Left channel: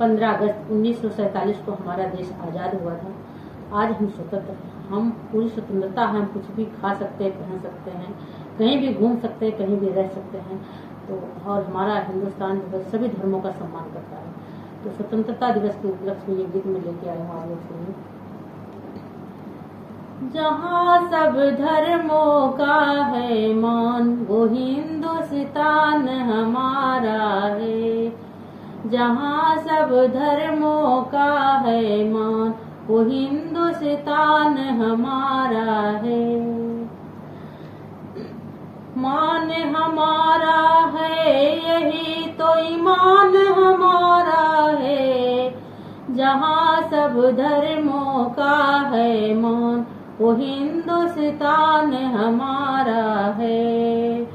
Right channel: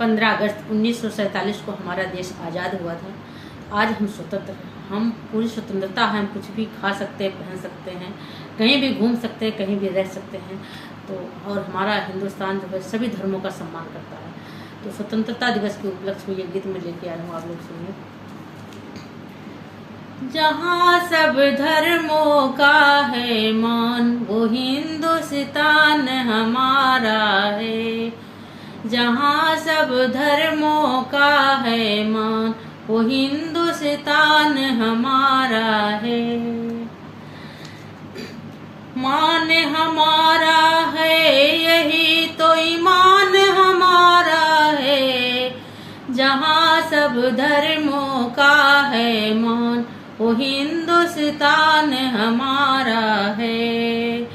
15 अगस्त 1947 को हमारा देश आज़ाद हुआ था। आज हम स्वतंत्र हैं, हम पूरी स्वतंत्रता है, हम कुछ भी खा सकते हैं, पहन सकते हैं, कहीं भी घूम सकते हैं, कहीं भी रह सकते हैं। तो और हमारा हिंदुस्तान जो है सभी धर्मों का सम्मान करता है। तो स्वतंत्रता दिवस के उपलक्ष्य में ये गीत में लेके आया हूँ, आप लोग सुनिए। जहाँ सब धर्मों का है मान, वो हिंदुस्तान हमारा है। जहाँ सब धर्मों का है मान, वो हिंदुस्तान हमारा है। मान हमारा है यही तो ईमान हमारा है। जहाँ सब धर्मों का है मान, वो हिंदुस्तान हमारा है।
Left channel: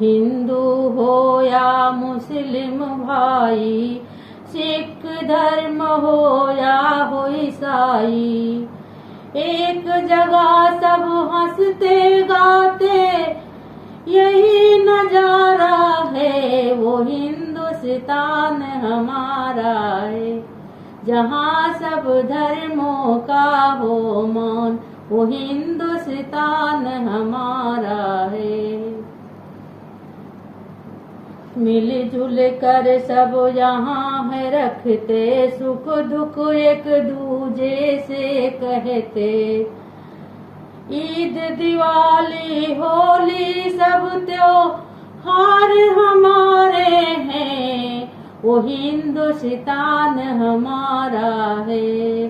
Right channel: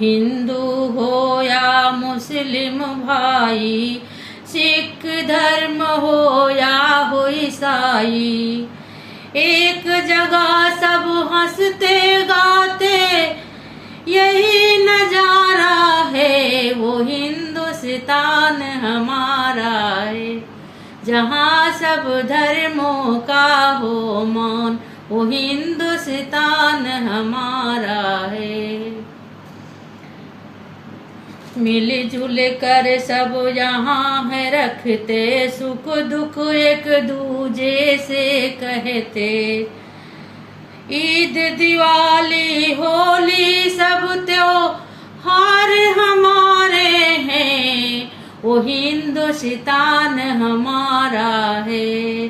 हिंदू हो या मुस्लिम भाई, सिख धर्म हो या हो ईसाई, एक जगह सब हंसते गाते यही नजारा है। वो हिंदुस्तान हमारा है। जहाँ सब धर्मों का हो मान, वो हिंदुस्तान हमारा है। मिलजुल कर सब यहाँ है रखते, सुख दुख एक दूजे से कहते। ईद दिवाली होली सब त्योहार हमारे हैं। वो हिंदुस्तान हमारा है।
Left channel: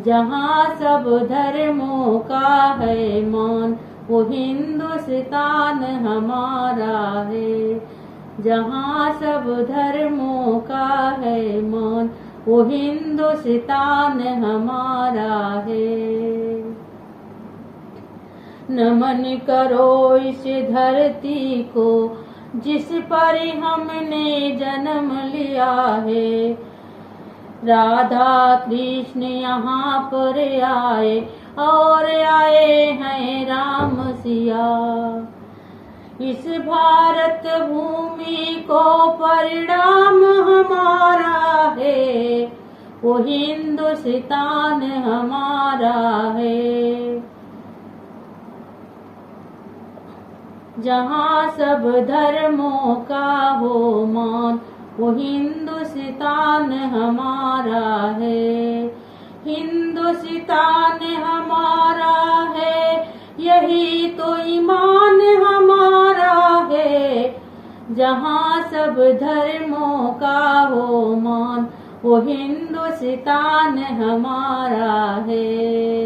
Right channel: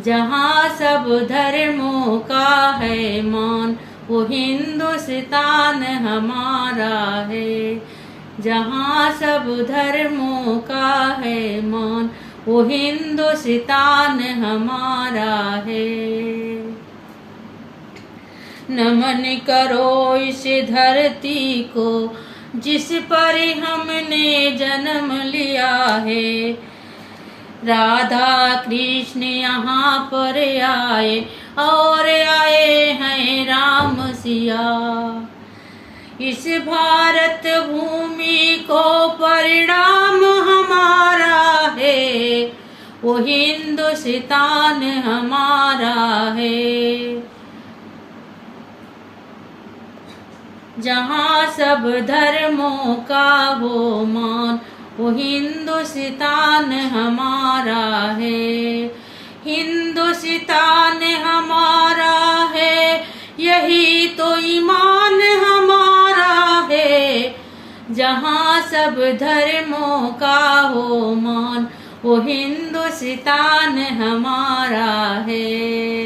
जहाँ सब धर्मों का है मान, वो हिंदुस्तान हमारा है। जहाँ सब धर्मों का है मान, वो हिंदुस्तान हमारा है। नमन करो इस धरती को जिस पर हमने जन्म लिया है। राधा कृष्ण यहाँ पर आए और आए हैं राम सिया। इस भारत भूमि को परिणाम हमारा है। वो हिंदुस्तान हमारा है। जहाँ सब धर्मों का हो मान, वो हिंदुस्तान हमारा है। हिंदुस्तान हमारा है यही तो ईमान हमारा है। जहाँ सब धर्मों का हो मान, वो हिंदुस्तान हमारा है।